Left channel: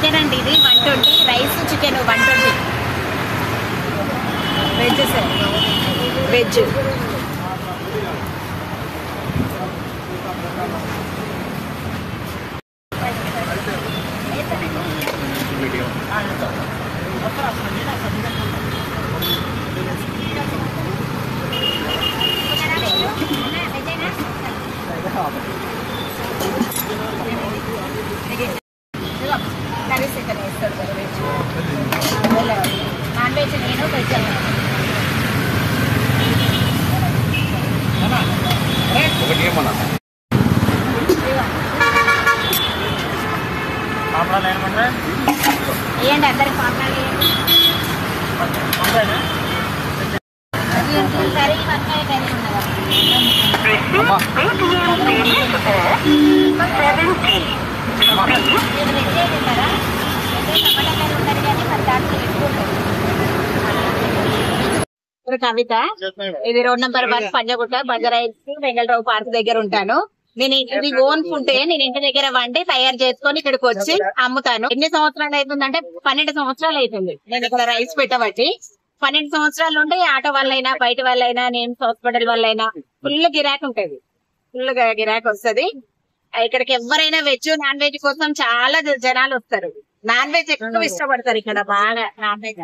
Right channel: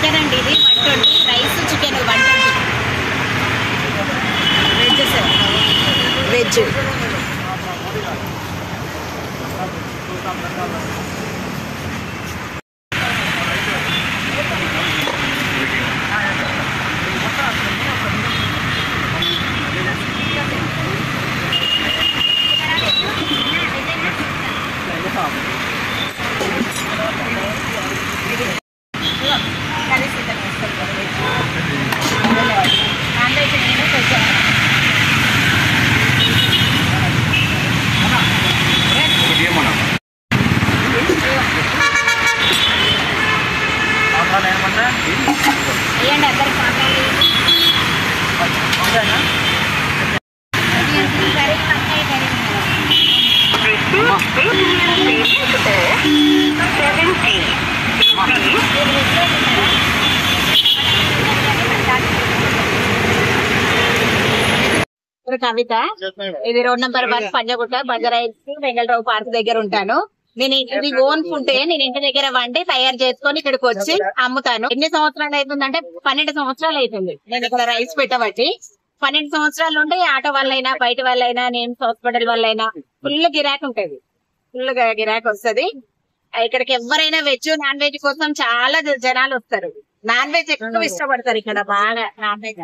Chicken అండి, ఇది 120, rice chicken 120. Veg sir, veg. Non veg నేను వెజ్. వేయండి అందరికి మాట్లాడి కర్రీ వంకాయ కర్రీ ఉన్నదా? కవిత, ఇది road number 1 Panjagutta, Banjara Hills, Vengal Rao park దగ్గర ఉంటాను. నేను ఇది ఓన్ ఫుడ్ నేను ఇంటి దగ్గర వండి తయారు చేసుకొని ఇక్కడికి వచ్చి అమ్ముతాను. ఎన్ని సంవత్సరాలు అవుతుందంటే 12 సంవత్సరాలు అవుతుంది నేను ఇక్కడ రైస్ పెట్టబట్టి. 12 సంవత్సరాల నుండి ఆటో వాళ్ళైనా బయట వాళ్ళైనా నేమ్స్ హాస్పిటల్ వాళ్ళైనా ఫుల్ గిరాక్ ఉంటది, ఫుల్ గిరాక్ వస్తుంది. ఇక్కడికి ఎవరైనా వెజ్ నాన్ వెజ్ కోసం చాలా జనాలు వస్తారు. నాన్ వెజ్ ఎక్కువ ఇష్టపడతారు ఇక్కడ బాగా. నాన్ వెజ్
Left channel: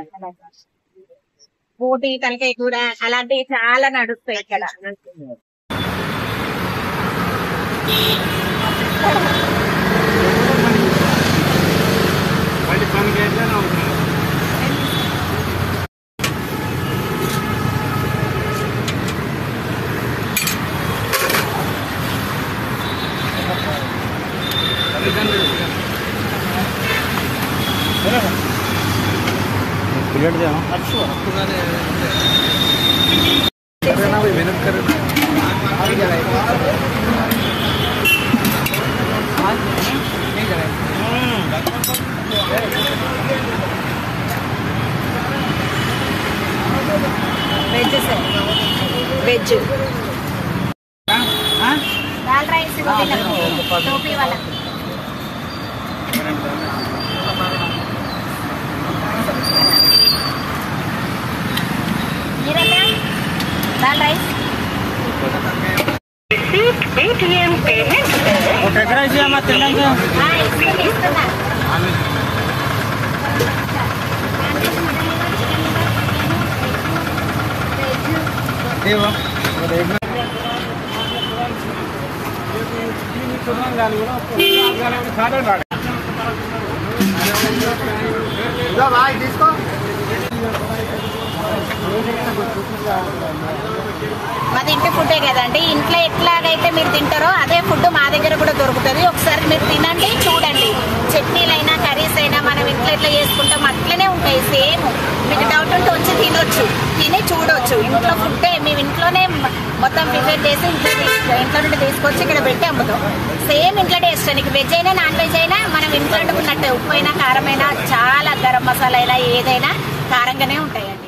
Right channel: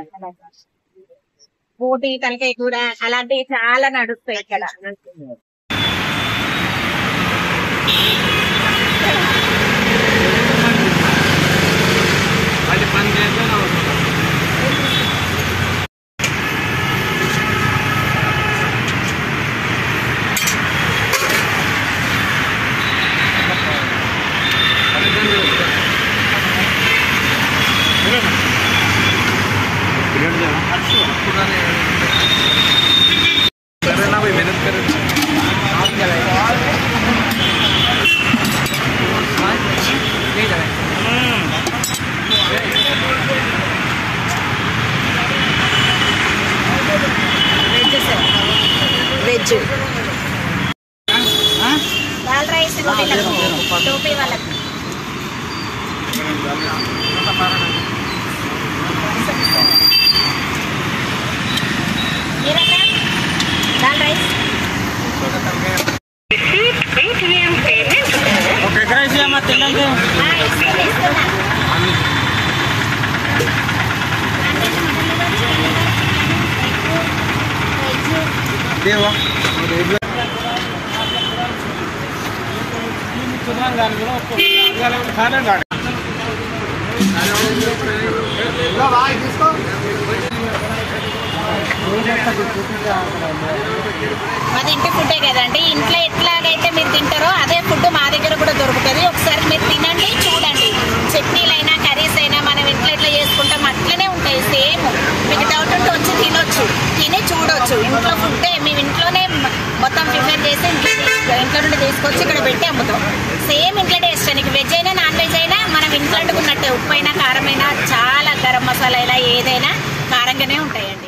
బోటి, తలకాయ కూర అలాంటివి చాలా నడుస్తాయి ఇక్కడ. వెజ్ దాల్ రైస్ టోపీ వాళ్ళకి మీరేనా దాల్ రైస్ మాది ఇంటి ఫుడ్డే కదండి. ఇంట్లో ఎట్లాగైతే మీరు తింటారో అదే ఫుడ్ మా దగ్గర కూడా దొరుకుతుంది. ఒకసారి మీరు తినండి, చూడండి. చట్నీలైనా కర్రీస్ అయినా మనం ఇంట్లో ఎట్లా చేసుకుంటాం అట్లనే ఉంటాయి సేమ్. మీకు డౌట్ ఉంటే వచ్చి తినొచ్చు, తిని చూడొచ్చు. ఇంట్లో ఫుడ్డే మేము ఇంట్లోనే మొత్తం ప్రిపేర్ చేసి ఇంట్లో నుండి తీసుకొచ్చి ఇక్కడ పెట్టి అమ్ముతాం. సేమ్ ఇంట్లో టేస్ట్. నీకు వెజ్ అయినా నాన్ వెజ్ అయినా మనం ఇంట్లో వండుకున్నట్టే. ఉప్పు అయినా కారం అయినా చాలా, గరం మసాలా అయినా ఏదైనా కారంగానే ఉంటాయండి.